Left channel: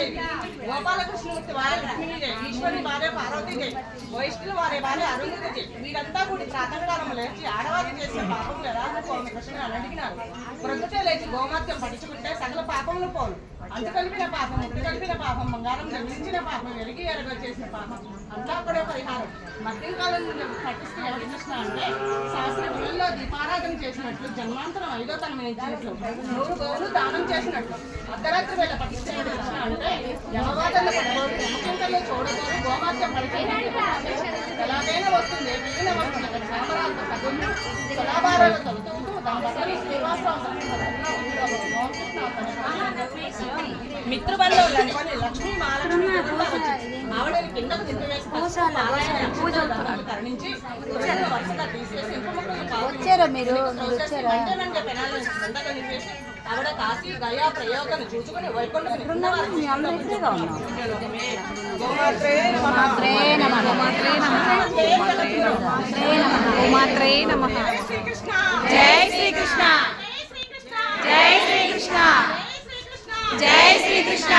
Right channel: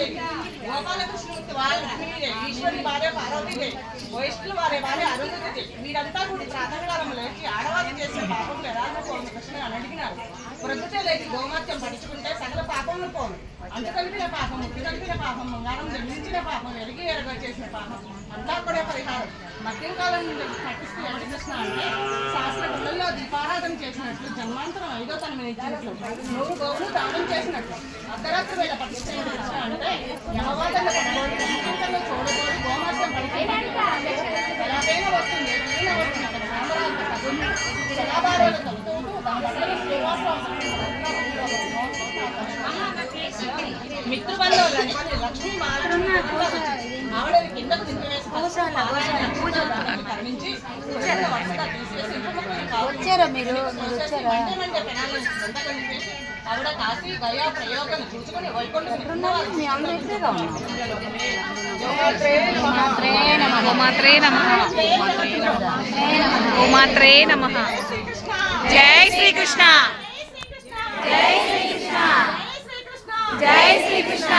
దుర్గాదేవి, గోపాలకృష్ణమూర్తి వారే లక్ష్మీదేవి, ఈశ్వరి వారే పార్వతీదేవి, వైష్ణుల వారే వారే అరుంధతిదేవి. వీరంతా కూడా ప్రాతకాలం లేచి ఆడవారు చేసిన పాపం ఎలాగో పోను కృష్ణ అని అడిగినారు. ప్రొద్దుటే లేచి గోమాత్యం పడుచుకుంటే సకల పాపంలో పోను. అంటు కలిపిన పాపం, ముట్టు కలిపిన పాపం, బంగారం జన్మించిన పాపం, వెలిగి ఎరగ చేసిన పాపం అంతా కూడా పరిహారం. మధ్యం కాలం పట్టిస్తూ ఎవరి కృష్ణ అంటే శాస్త్ర గుళ్ళల్లో దీపారాధన చేసినట్లు, జన్మాంతరం 5వ తనం ఇచ్చినట్లు, 100 గోవులు దానం చేసినట్లు, అర్ధరాత్రి వేళ పట్టిస్తే కృష్ణ అంటే యమవాదన పడబోదు, యమకుంటల్లో చూడబోదు, గోమాత్యం పడిపోయినట్టు ఎలాగైనా వస్తుంది. ఏదైనా వస్తుంది అక్కడ రామరాజు పదులు జలాభారాలు తొలుతుంటూ తన బట్టలు శ్రీవాసరావు మిత్రబంధువు లక్ష్మీ ఆవిడని కిందకు దింపివేసి కరుణించి వరుసగా తీసేసి ఆవిడ కాశీ గయా ప్రయోగం చూసుకుని వైకుంఠం గోమాత్రే నమః. జై శ్రీకృష్ణ, జై శ్రీకృష్ణ, జై శ్రీకృష్ణ,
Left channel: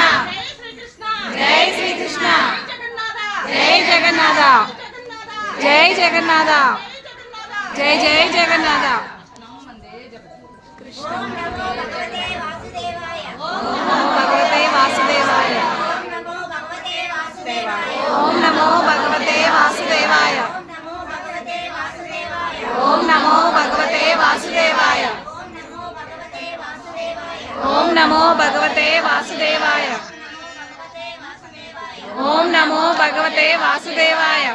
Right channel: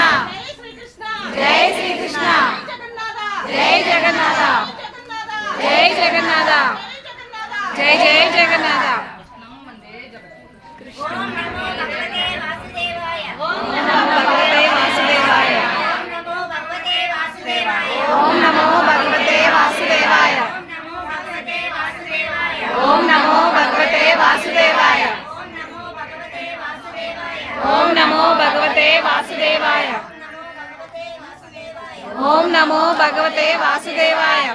జై శ్రీకృష్ణ, జై జగన్నాథ, జై జగన్నాథ, జై జై జగన్నాథ. భగవతే వాసుదేవాయ, ఓం నమో భగవతే వాసుదేవాయ, ఓం నమో భగవతే వాసుదేవాయ, ఓం నమో భగవతే వాసుదేవాయ, ఓం నమో భగవతే వాసుదేవాయ, ఓం నమో భగవతే వాసుదేవాయ,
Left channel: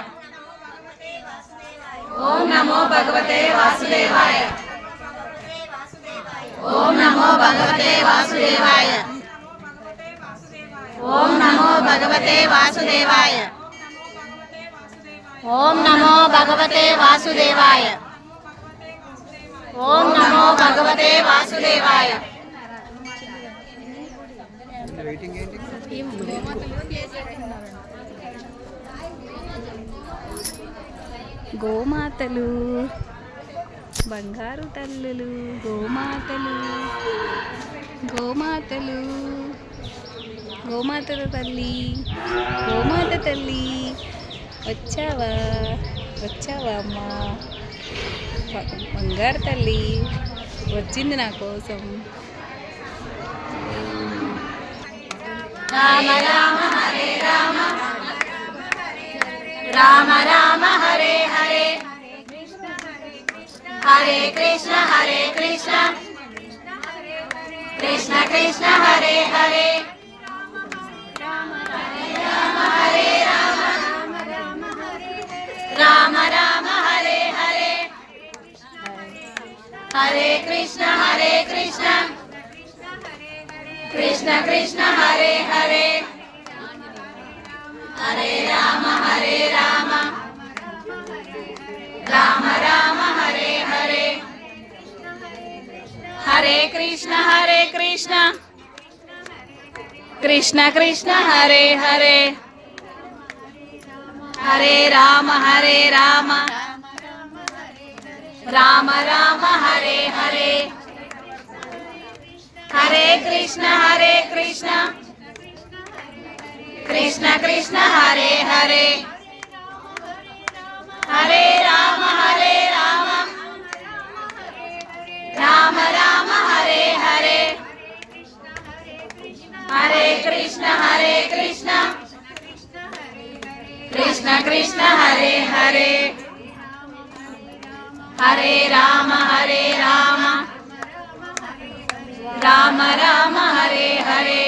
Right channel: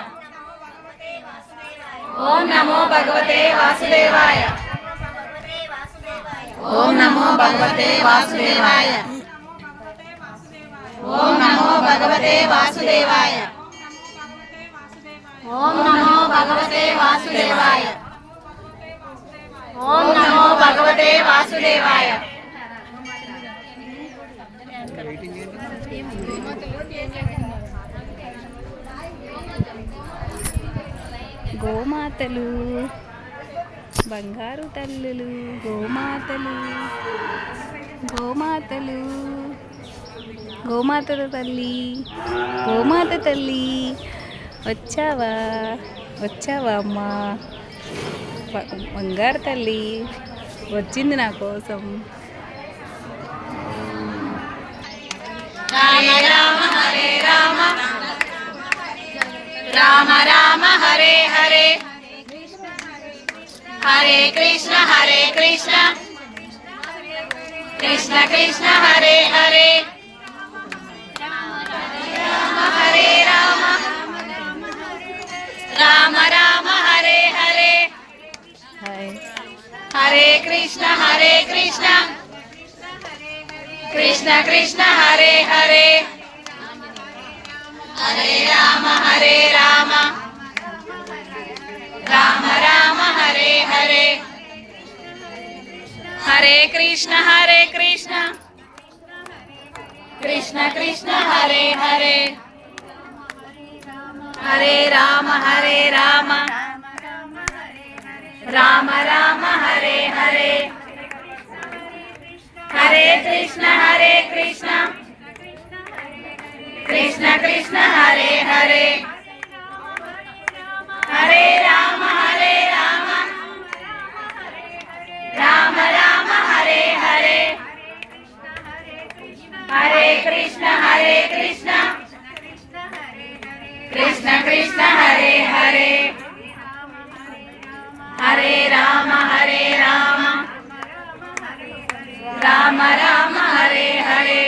ఓం నమో భగవతే వాసుదేవాయ, ఓం నమో భగవతే వాసుదేవాయ, ఓం నమో భగవతే వాసుదేవాయ, ఓం నమో భగవతే వాసుదేవాయ. గోమాతలు, బంగారు తల్లులు, గోమాతలు, గోమాతలు, గోమాతల తల్లి, గోమాత తల్లి వచ్చావా, వచ్చావా అమ్మా, బంగారు తల్లి వచ్చింది నా కోసం. హరే రామ హరే రామ, రామ రామ హరే హరే, హరే కృష్ణ హరే కృష్ణ, కృష్ణ కృష్ణ హరే హరే, రామ హరే రామ, రామ రామ హరే హరే, హరే కృష్ణ హరే కృష్ణ, కృష్ణ కృష్ణ హరే హరే, హరే రామ హరే రామ, రామ రామ హరే హరే, హరే కృష్ణ హరే కృష్ణ, కృష్ణ కృష్ణ హరే హరే, హరే రామ హరే రామ, రామ రామ హరే హరే, హరే కృష్ణ హరే కృష్ణ, కృష్ణ కృష్ణ హరే హరే, హరే రామ హరే రామ, రామ రామ హరే హరే, హరే కృష్ణ హరే కృష్ణ, కృష్ణ కృష్ణ హరే హరే, హరే రామ హరే రామ, రామ రామ హరే హరే,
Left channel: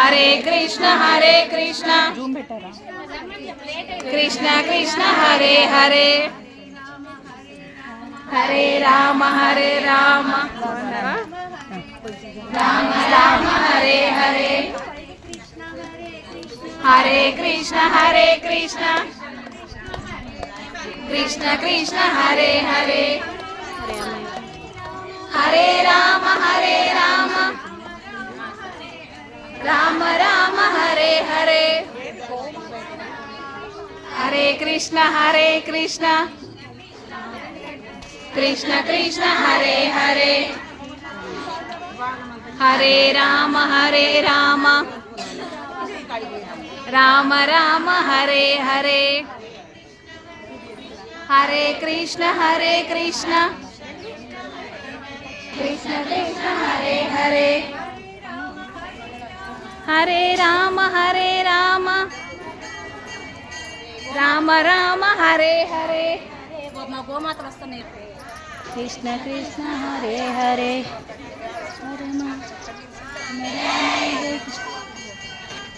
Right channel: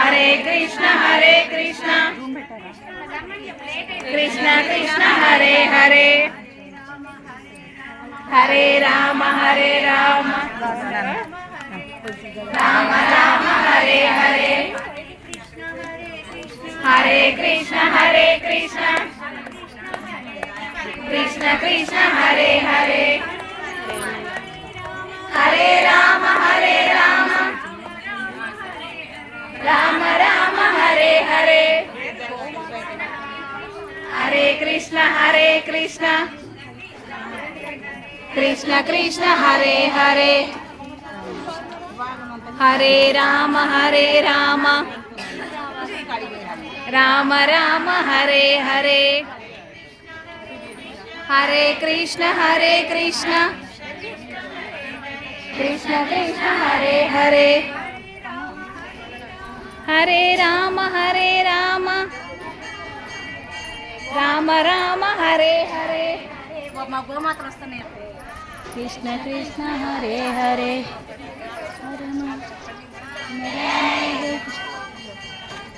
హరే కృష్ణ హరే కృష్ణ, కృష్ణ కృష్ణ హరే హరే, హరే రామ హరే రామ, రామ రామ హరే హరే, హరే కృష్ణ హరే కృష్ణ, కృష్ణ కృష్ణ హరే హరే, హరే రామ హరే రామ, రామ రామ హరే హరే, హరే కృష్ణ హరే కృష్ణ, కృష్ణ కృష్ణ హరే హరే, హరే రామ రామ రామ హరే హరే హరే కృష్ణ కృష్ణ కృష్ణ హరే హరే హరే రామ రామ రామ హరే హరే మా గోమాతలు వస్తున్నాయి. కృష్ణ కృష్ణ హరే హరే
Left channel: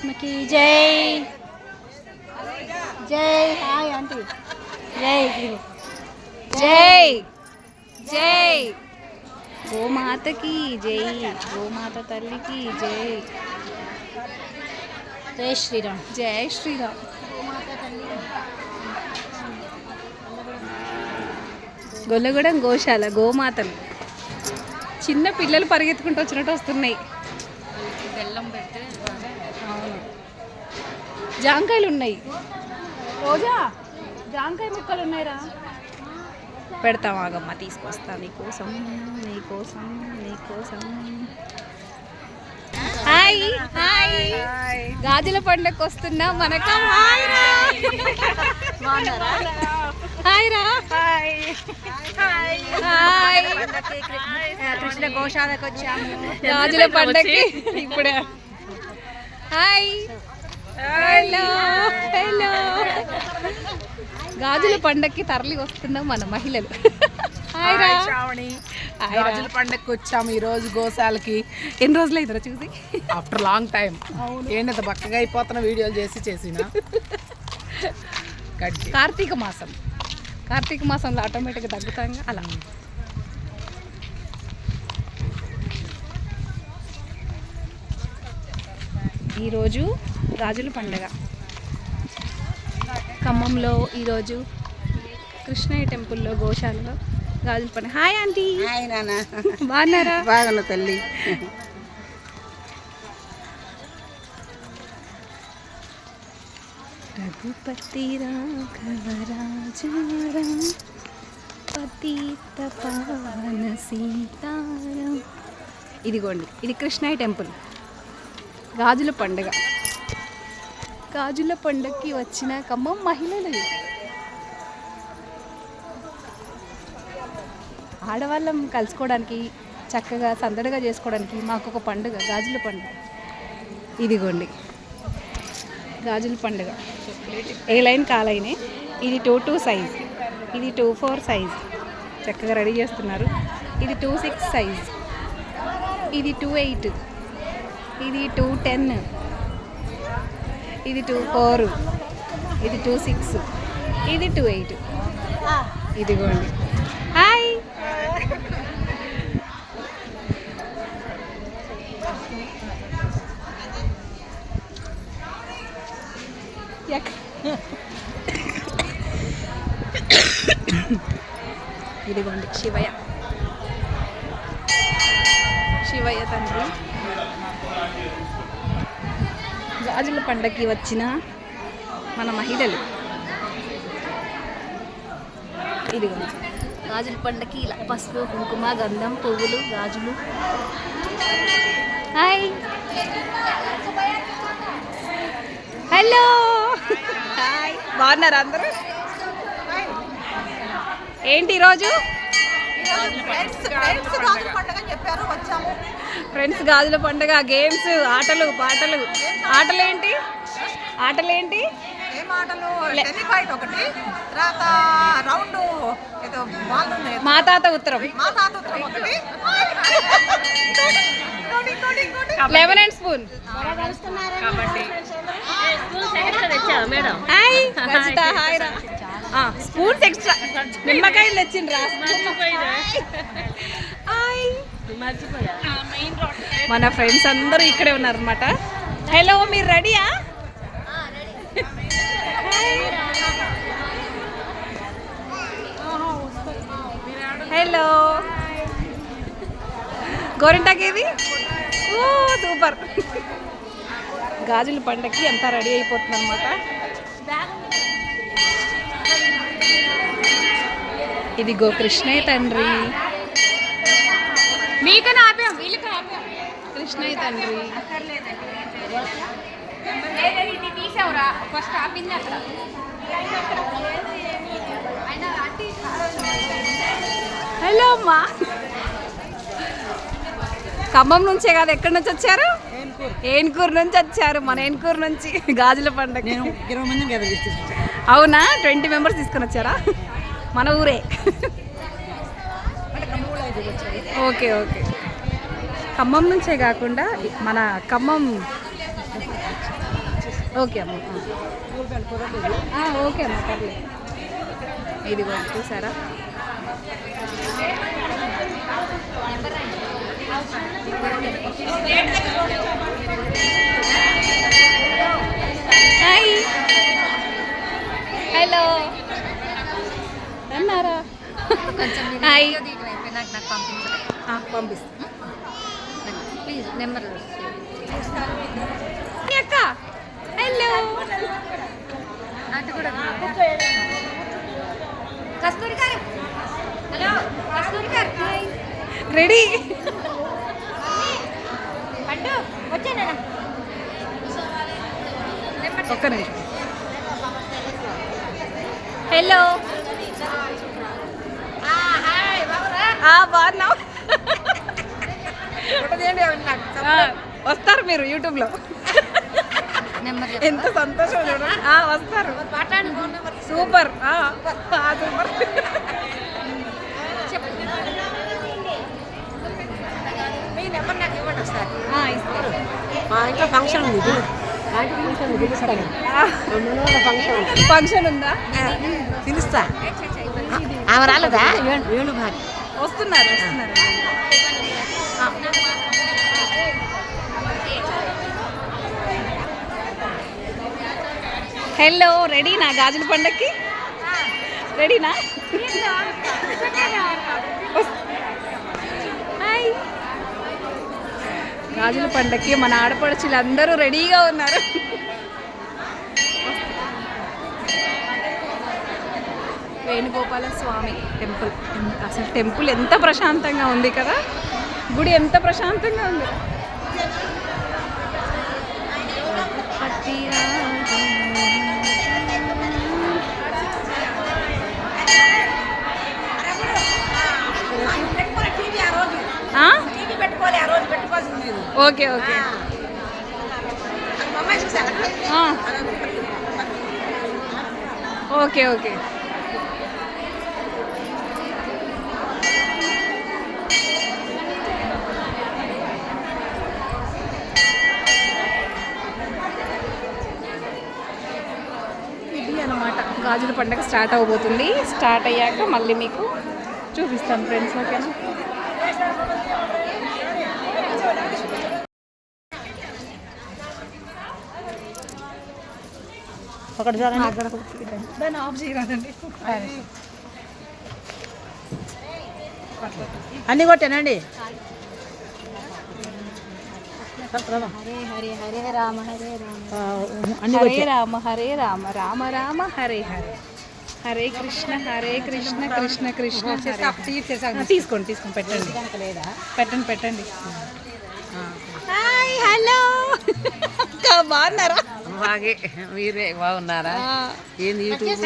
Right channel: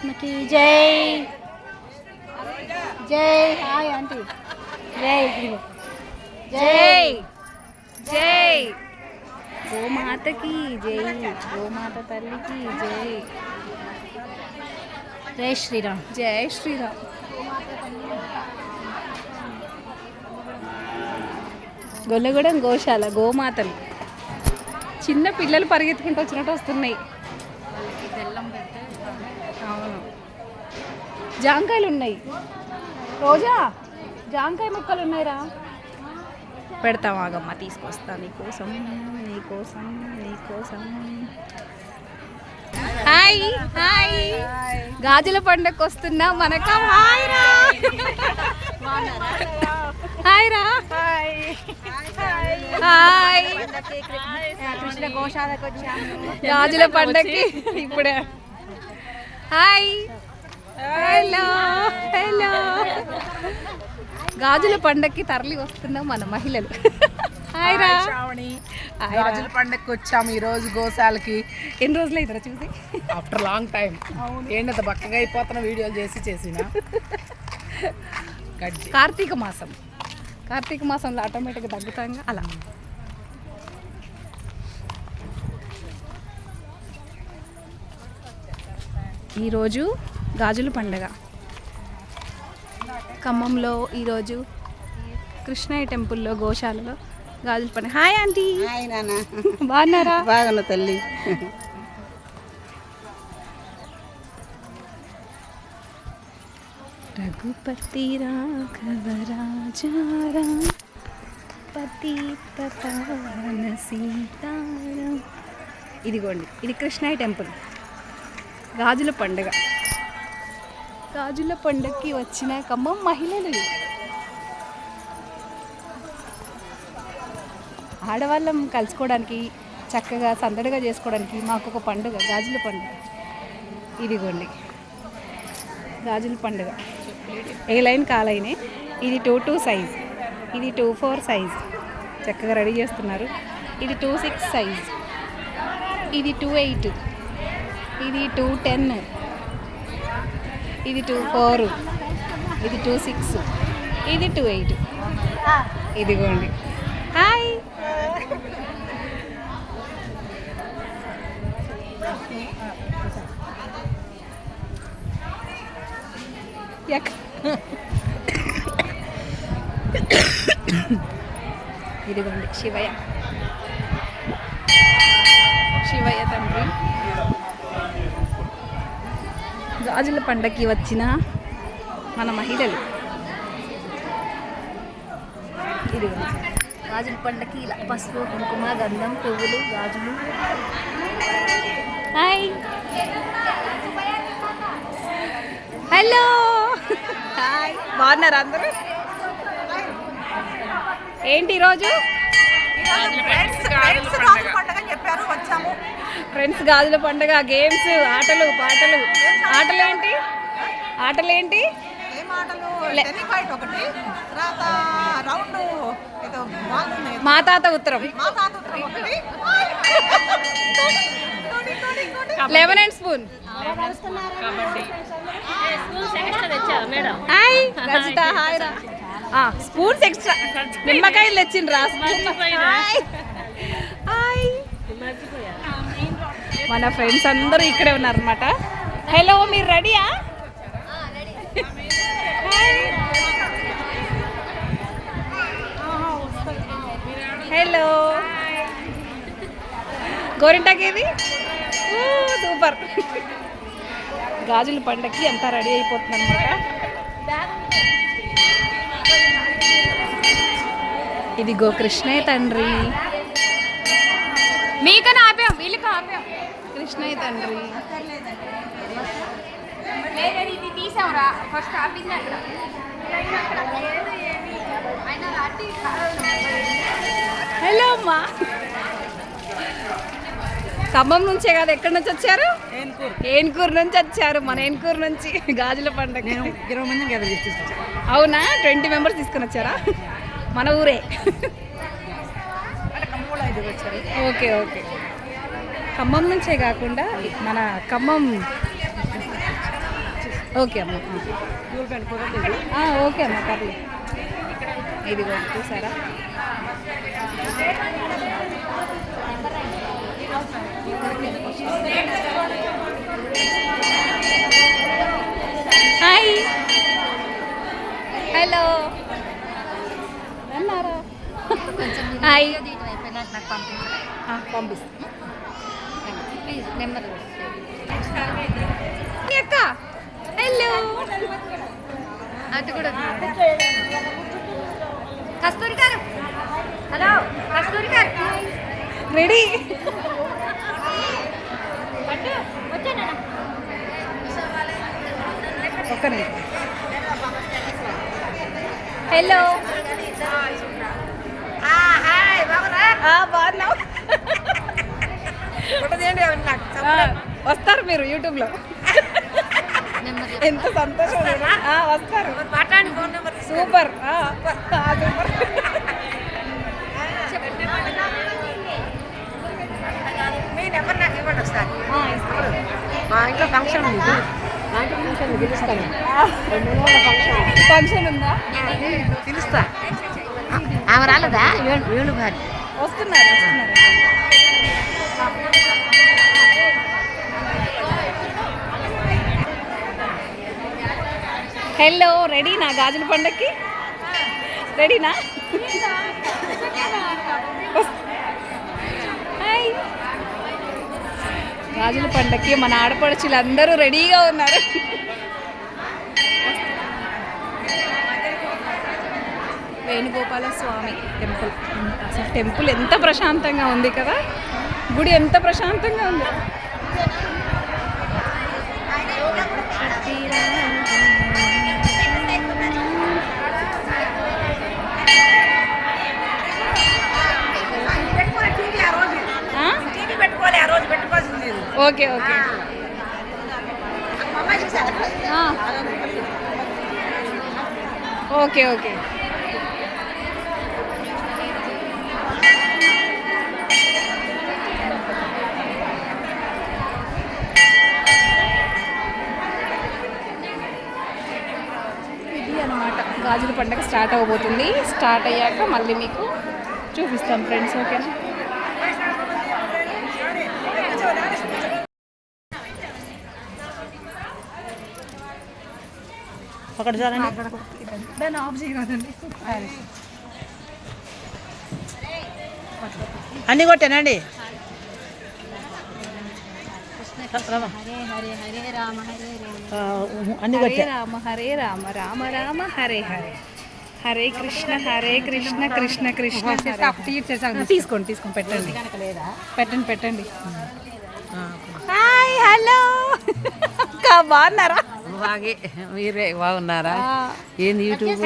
మకి జై జై హాయ్ ఆంటీ జై జై జై గోమాతకి జై గోమాత తల్లికి జై జై శ్రీరామ్. జై శ్రీరామ్. గొల్లగూడెం గోశాల గోమాతలు చిన్న పిల్లలు పరిగెత్తుకుంటూ వచ్చినట్టు వస్తున్నాయి. అవును జాంకాయలు ఉన్నాయి. రోజా జాంకాయ ముక్కలు ఉన్నాయిరా. పెడతాం ఆగమ్మ తీసుకొస్తా నీకోసం నీకోసం నీకోసం. హాయ్ హాయ్ గాజుల పండుగకు వస్తున్నా మనక. హాయ్ రా హాయ్ రా హాయ్. కృష్ణ గోశాలకు వచ్చాము గాజుల పండగకి ఇప్పుడే. Hi hello hello. గాజుల పండగకి తరలి వస్తున్నాం మన మహిళలు. హాయ్ రా శ్రావణి. గాజుల పండగకి వచ్చాము ఈ రోజు గోశాలకి. ఎన్ని రోజులు అయిందిరా చూసి? After long time. ఏంటి బక్కగా అయిపోతున్న వీడియోలు చేసిన కార్తీక మాసం. కార్తీక మాసంలో ఆటోమేటిక్గా తగ్గుతాం అలా. ఈరోజు గాజుల పండగ ఖమ్మంలో. ఈరోజు కృష్ణయ్య టెంపుల్లో గోశాలలో గాజుల పండుగ. Hi aunty. హాయ్ నాన్న. బాగున్నారా? బాగున్నా తల్లి. రఘుపతి రాఘవ రాజారాం పతిత పావన సీతారాం. ఇదిగోండి ఇది కృష్ణయ్య టెంపుల్. గాజుల పండుగ. గాజుల పండుగకి వచ్చిన ఖమ్మం మహిళలు. ఆడవాళ్ళం కలుసుకోవడానికి చక్కగా సందడిగా చేసుకోవడానికి మాకు ఒక పండుగ గాజుల పండుగ. ఇదిగోండి గాజుల పండుగ. ఏ లైన్ కాలైనే. ఇది 2-2 సైజ్, ఇది 2-4 సైజ్. చక్కగా రెడీ చేస్తున్నారు. ఇది 2-6 సైజ్, ఇది 2-8, ఇది 2-10, ఇది 2-4, ఇది 2-6, ఇది 2-8. ఇదిగోండి. హాయ్ ఇదిగోండి శివయ్య. శివయ్య తండ్రి. గాజుల పండగకి వచ్చిన మన మహిళలు. ఇదిగోండి గాజుల పండగకి ఇలా పసుపు కుంకుమ గంధం పువ్వులు గాజులు. Hi hello hi. బాగున్నారా అందరూ? ఏంటి ఈరోజు ఫ్రెండ్స్ గాజుల పండుగ. గేమ్స్, ఆటలు పాటలు. ఆటలేంటి? ఆటలేంటి? మా తాత ఉత్తరం. Lemon and spoon. Hi Rajitha. Hi రా. Spoons extra. నిమ్మకాయలు తెచ్చిండ్రా. హాయ్. మన ఫ్రెండ్స్ అందరూ ఇక్కడే ఉన్నారనమాట. హలో మీరు రెడీయా? హలో గోరింటాకేది? ఓ సూపర్. గాజుల పండగకి అంతా రెడీ అయిపోతుంది అనమాట. ఇదిగో కృష్ణయ్య తండ్రి. మీకన్నా ఆపాం, వీళ్ళకి ఆపాం. కృష్ణయ్య తండ్రి. హలో అమ్మా. ఖమ్మం నుంచే కాదు, ఎక్కడి నుంచి వచ్చారు? ఏన్కూరు నుంచి వచ్చారు. మన ఏన్కూరు నుంచి గాజుల పండుగ. అవునా? 20 మెంబర్స్ తీసుకొని వచ్చారా? మన ఊరే. Okay okay. ఖమ్మం నుంచే కాకుండా మన ఖమ్మం. ఓకే అమ్మ. ఓకే అమ్మ, పర్లేదు. ఇది చూసారా? హాయ్, హలో, అన్నారా? హాయ్, పంపిస్తాను. అక్క హలో. కస్తూరి గారు, హలో. కస్తూరి గారు రెడీ. ఒక్క నిమిషం. హలో, బాగున్నావు? వస్తారు మీరు యూట్యూబ్లో. ఎంత సంతోషం. వస్తారు. Super super. ఫంక్షన్ ఉందా? పిలుస్తా. వస్తున్నారు. హలో, రెడీనా గాజుల పండక్కి? రెడీనా? హాయ్. గాజుల పండక్కి మన ఆడపడుచులు అందరూ రెడీగా ఉన్నారు. వేణుగోపాల స్వామి టెంపుల్. అసలు టెంపుల్ ఎంత ప్రశాంతంగా ఉంది కదా, గుడి ఎంత ప్రశాంతంగా ఉంది. Okay okay. Okay okay. ఇది అన్నమాట, గాజుల పండుగ స్టార్ట్ అవ్వబోతుంది. స్టార్ట్ అయ్యాక మళ్ళీ మీకు చూపిస్తాను ఫ్రెండ్స్. ఓకేనా? అక్కడ చూడండి. దాన్ని ఆఫ్ చేయరాదండి. అన్నీ కొట్టానండి. హరే హరే హరే రామ హరే అన్ని హరే రామ హరే రామ రామ రామ హరే హరే హరే కృష్ణ కృష్ణ కృష్ణ హరే. తీసుకోండి పెట్టండి. పెట్టండి. Hi, hello. బాగున్నారా? మీరే బాగున్నారా?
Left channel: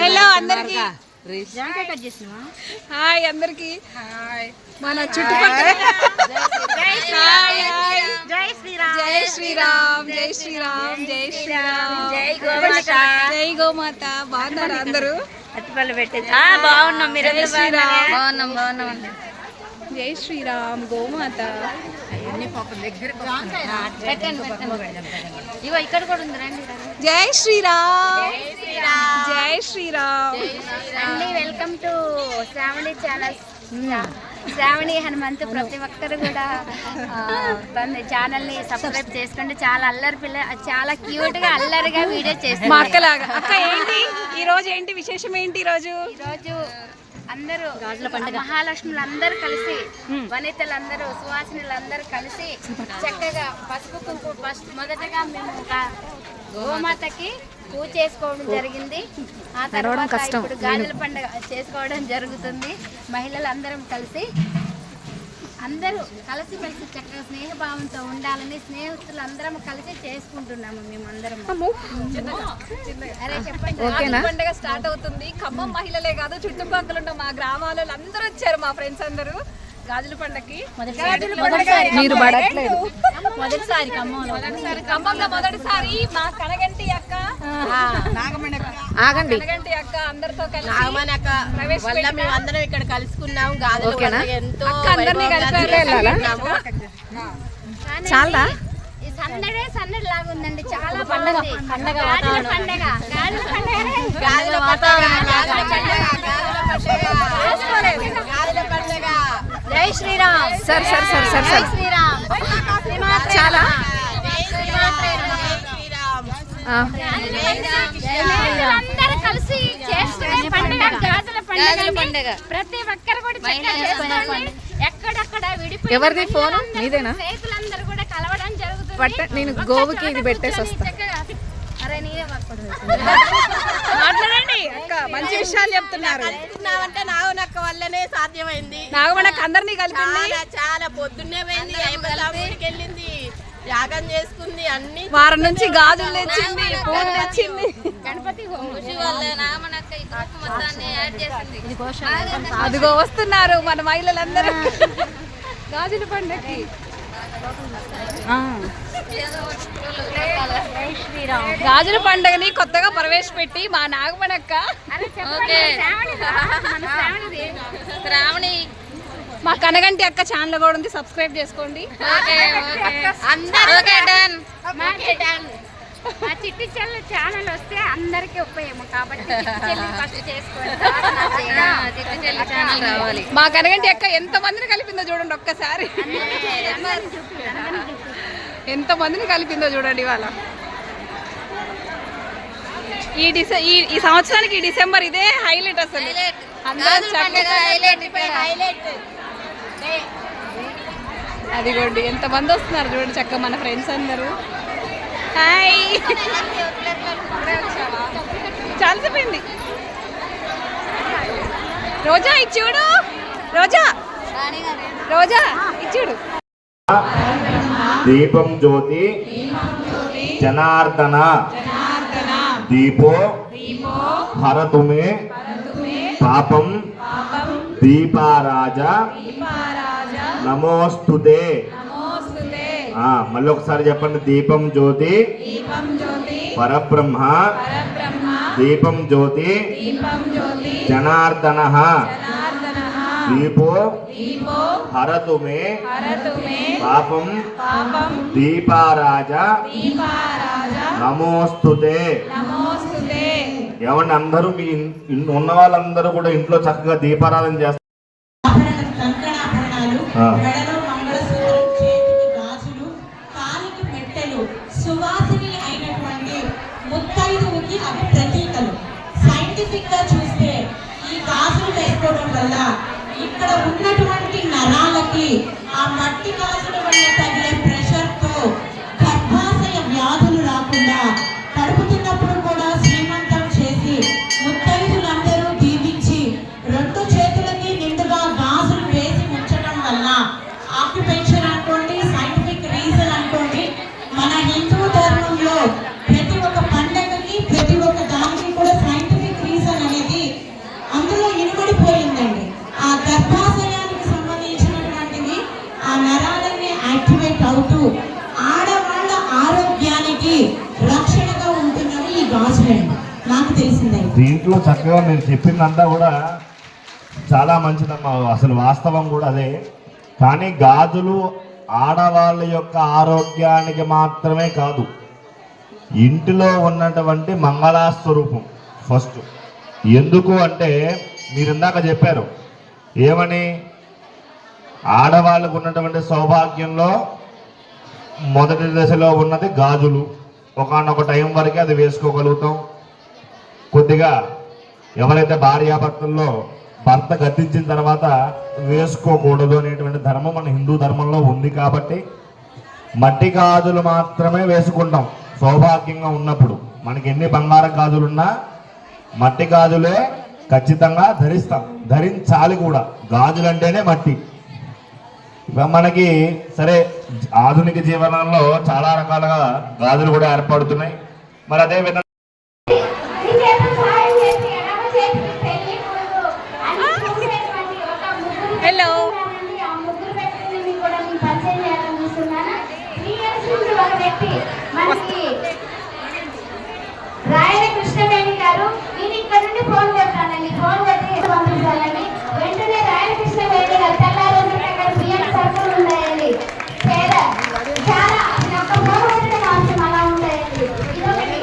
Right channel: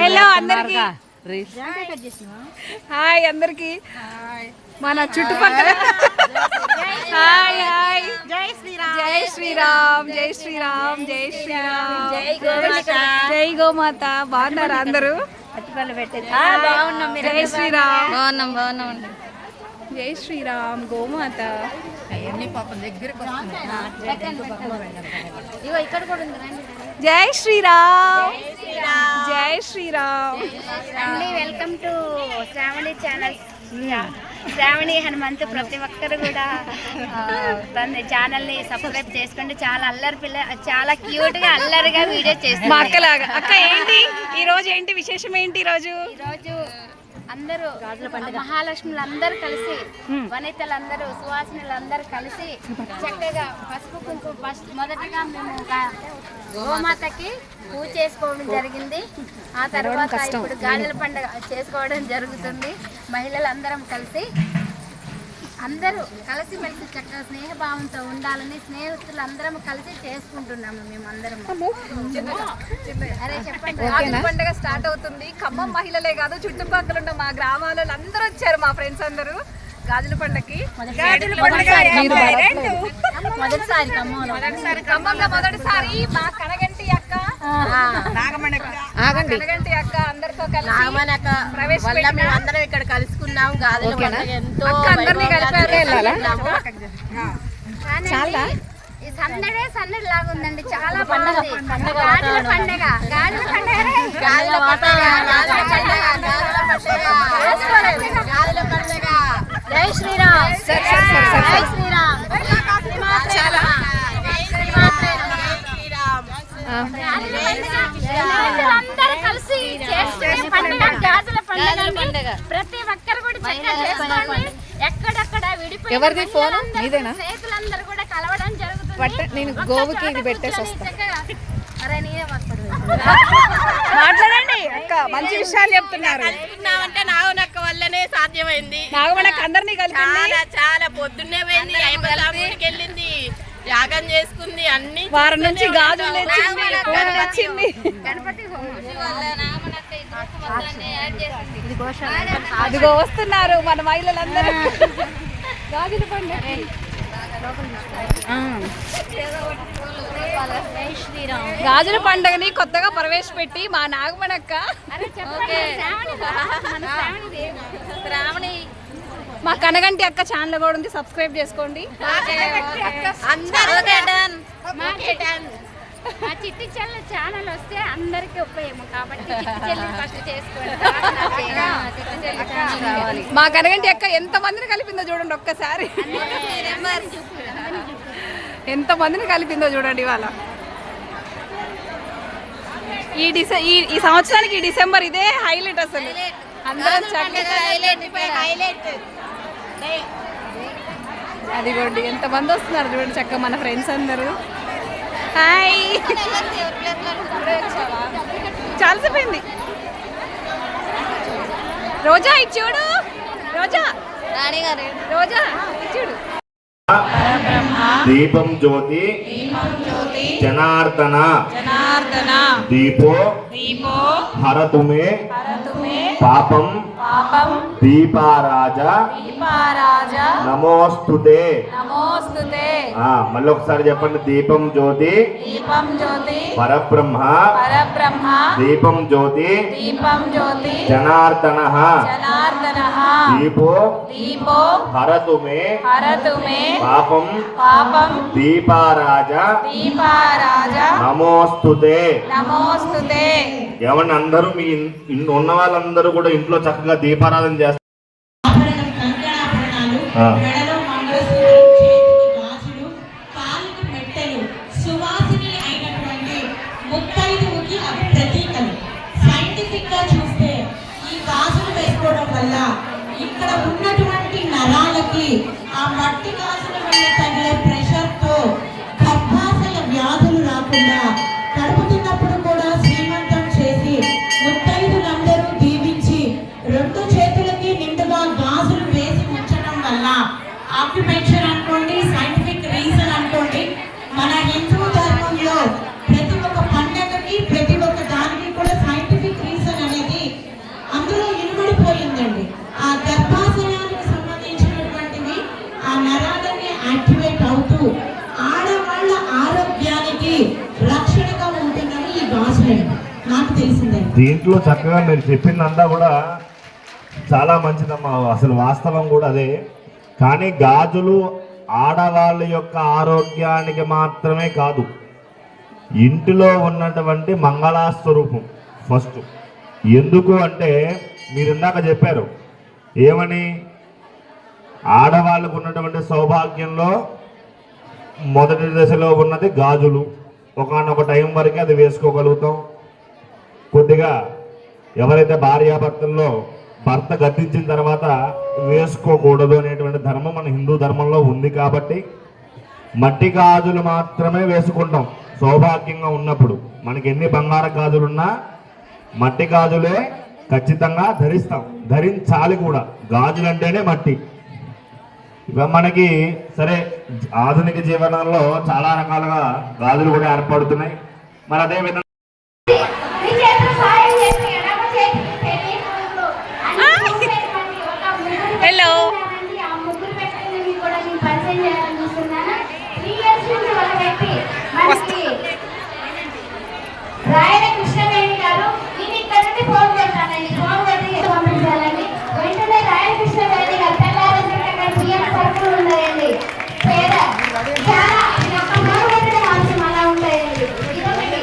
హలో అందరికి. హాయ్ అందరికి. మన చుట్టుపక్కల. Hi hi. జై శ్రీరామ్. జై గోమాత. బాగున్నారా అందరూ? జై శ్రీరామ్. జై శ్రీరామ్. గోమాత. జై శ్రీరామ్. జై శ్రీరామ్ అండి. Welcome to Shravani channel. Shravani Hanumanthu. ప్రతి ఒక్కరు కూడా తన ఛానల్ని సబ్స్క్రైబ్ చేసుకోండి. చాలా అల్లరి పిల్ల, చాలా క్యూట్గా అల్లరిగా వీడియో చేస్తుంది. మా అక్కలాగా. అక్క ఏంటి ఈరోజు, ఏంటి విశేషం? ఏంటి ఈరోజు? అందరూ మహాలక్ష్ములు అందరూ కలిసి, వనితలందరూ, సువాసినులందరూ కలిసి చక్కగా పసుపు కుంకుమ. ఫస్ట్ మొదటగా మేము ఒక గోమాతకి పూజ చేసుకోవడం జరిగింది. ఆ తర్వాత ఇప్పుడు గాజుల పండుగ చేసుకోవడం జరుగుతుంది. మహిళలందరం కలిసి అందరూ కలిసిమెలిసి చక్కగా స్నేహభావంతో ఉండాలని స్నేహితులు అందరం కలిసి చేసుకుంటున్నాము మేమందరం. అదే చెప్పండి. గాజుల పండుగ స్టార్ట్ అవుతుంది. ఖమ్మం మహిళలే కాదు, చుట్టుపక్కల ఉన్న మా గ్రామాల అందరూ వచ్చారు, మా ఫ్రెండ్స్ అందరూ గాజుల పండుగకి. మీరు పడట్లేదు. ఖమ్మంలో మొదటిసారి మా కనగంటి అక్క కనగంటి అక్క అందరితో కలిసి అందరం ఇక్కడ కలుసుకున్నాం. అక్క అందరినీ కలిపారు. చాలా ఈ సందడే సందడి లాగా ఉందండి. చాలా బాగుంది. గాజుల పండుగ గాజుల పండుగ గాజుల పండుగ గాజుల పండుగ గాజుల పండుగ. జై శ్రీరామ్. సరే సరే సరే సరే జై శ్రీరామ్. చాలా గాజుల పండుగ అందరూ కలిసి చేసుకునే పండుగ గాజుల పండుగ. ప్రతి ఒక్కరు కూడా చక్కగా చేసుకోండి. ఎక్కడెక్కడ విడిపోయి ఎవరిది ఫోన్ నీదేనా? స్నేహితులందరూ కూడా కలవడం జరుగుతుంది. నేను గోవుకి ఇది పెట్టేసి వస్తా. అరే నేనే మాట్లాడండి అక్క, మంచి విషయాలు చెప్తున్నారు. అంటే నాగనక్క వల్లనే సాధ్యమైంది. నాగమణక్క అందరినీ కలిపింది. చాలా పొద్దున్నే పోయింది, ఐంబలాంగుడికి వెళ్ళింది, యాగం చేసుకుంది, అన్ని వారం నుంచి గాజులు తెచ్చింది, పూలు తెచ్చింది. అదిగో వస్తున్నారు మన మహిళలందరూ గాజుల పండుగకి. గాజుల పండుగని కొత్తగా ప్రవేశపెట్టి మా నాగమణక్క మా కనగంటి అక్క ఛానల్ కూడా ఉంది, సబ్స్క్రైబ్ చేసుకోండి. మా చిట్టి చెల్లి ఛానల్ వస్తే అందరికి ఉపయోగం కాబట్టి చిట్టి చెల్లి ఫస్ట్ చేసుకోండి. మా కనగంటి అక్క ఎంత మందిని కలిపిందో చూడండి ఒక్కసారి. ఎంత మందిని కలిపిందో చూడండి ఇవాళ. ఈ సంవత్సరానికి ఈ డిసెంబర్ ఇదే హైలైట్ అసలు. అందరం చక్కగా అదిగోండి ఎంత మంది వస్తున్నారు చూడండి చక్కగా మన ఫ్రెండ్స్ అందరూ. హాయ్, చాలాసేపోయింది. రోజా ఇచ్చుడు, రోజా రోజా ఇచ్చుడు. దీపం జ్యోతి జనార్దన దీపో హరతుమే పాపం దీపారాజ నమోస్తుతే. మళ్ళీ ఒకసారి చెప్పండి. దీపం జ్యోతి పరబ్రహ్మ దీపం జ్యోతి జనార్దన దీపో హరతుమే పాపం దీపారాజ నమోస్తుతే. ఏమన్నా అందరూ మీ ఉన్న వాళ్ళందరూ కూడా ఇంట్లో చక్కగా దీపారాధన చేస్తారు. మెడలో మంగళసూత్రం, చేతికి గాజులు, కాలికి మెట్టెలు, సువాసిని అయినటువంటి ముత్తైదువుకి అవి ప్రతీకలు. సైంటిఫిక్ గా చూస్తే ఈ గాజులు వేసుకోవడం వల్ల ఇక్కడ ఉన్నటువంటి నరాలకి ఆ మట్టి గాజుల వల్ల తగిలే ప్రెషర్ తో గర్భాశయ వ్యాధులు రాకుండా, కడుపు తిన్నప్పుడు కూడా శ్రీమంతం చేసి ముత్తైదులందరూ దీవించి రెండు చేతులకి నిండుగా గాజులు వేసి ఉంచడం వల్ల ఆక్యుపెన్షన్ అనుకోండి, సైంటిఫిక్ రీజన్ అనుకోండి, మన హిందూ ధర్మంలో ప్రతి ఒక్క పండగకి ప్రతి ఒక్క దానికి కూడా సైంటిఫిక్ రీజన్ అనేది అందులో ఇనుమడిపోయిందండి. ఆ గర్భాశయానికి సంబంధించినటువంటివి ఆ నరాలన్నీ యాక్టివేట్ అవుతూ ఆడవాళ్ళ ఆరోగ్యానికి రక్షణగా ఉంటుందని ఈ గాజులండి నాకు తెలిసిందండి. దీంట్లో చక్కగా మీరు చెప్పిందంతా కూడా చాలా మంచిదమ్మా, అసలు వాస్తవం కూడా అదే. కానీ గాజులు ఆడవాళ్ళ యొక్క ఆరోగ్యానికి మాత్రమే కాదు, ఇంటిలో ఉన్నటువంటి మంగళాస్వరూపం ఫస్ట్. ఎందుకు అంటే మీరు ఇందాక చెప్పారు ఏమని, ఆడవాళ్ళకు ఉన్నటువంటి సౌభాగ్యంలో మొదటి దశలో ఉన్నది గాజులు. ఒకానొక టైం వరకే అది వేసుకోగలుగుతాం. కొద్దిగా ఎవరైతే భార్యాభర్తల్లో భర్త గతించిన తర్వాత వేసుకోకూడదు అనేటువంటి ధర్మం మన హిందూ ధర్మంలో ఉంది. కాబట్టి మట్టి గాజులు మాత్రమే వేసుకుంటాం సౌభాగ్యంగా ఉన్నప్పుడు. మనకి ఎన్ని బంగారం గాజులున్నా మట్టి గాజులే ఖచ్చితంగా ధరిస్తాం, ధరించాలి కూడా. గాజులు అంటేనే మట్టి. ఇక మనకి సరే ఆధునిక జీవనంలో చాలా రకాలుగా గాజులు కూడా ఏర్పడుతున్నాయి. మరి అదే విధంగా హలో రాయల కృష్ణవేణి గారు, నేను ఇక్కడ నుండి ఫోన్ చేస్తానండి, ఫోన్ చేసి పంపించాలని. వెంటనే రాయల కృష్ణవేణి గారు తెల్లారి బియ్యం సరుకులు ఉన్నాయండి, పేద చాలా ఒక్క ఫోన్ పెట్టడం అవసరం అలా ఉంటాయండి. ఇదొకటి.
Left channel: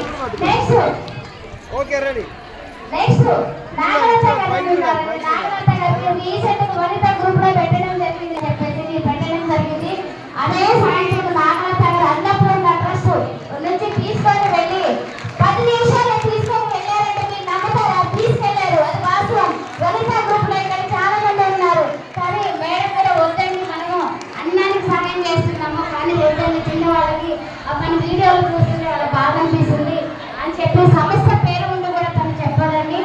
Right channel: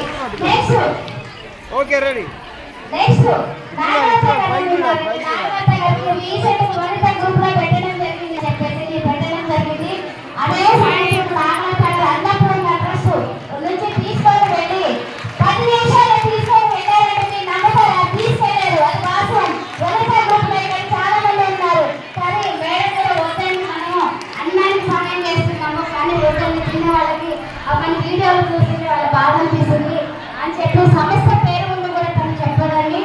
నెక్స్ట్ నాగలత గారు ఉన్నారండి. నాగలత గారికి రీసెంట్ వనిత గ్రూప్ లో పెట్టడం జరిగింది, అదే సాయంత్రం నాగలత గారు అన్నపూర్ణ ట్రస్ట్ నుంచి తీసుకొని వెళ్ళి 10 నిమిషాలు తీసుకొని వెళ్ళారంటే మీరు నమ్మతారా? తీసుకెళ్లారు, అది వాస్తవం. వనిత గ్రూప్ లో ఇక్కడ చాలా మంది ఉన్నారు. సరే మేడం కూడా వద్దండి, మనము అన్నానికి సహాయం చేస్తున్నాము, కానీ వద్దని తిని వాళ్ళకి మన వీడియోలు చూసి వాళ్ళ బాధ అనిపిస్తుంది అని చెప్పి సమస్య పేరు ముందు కూడా తను చెప్పదండి.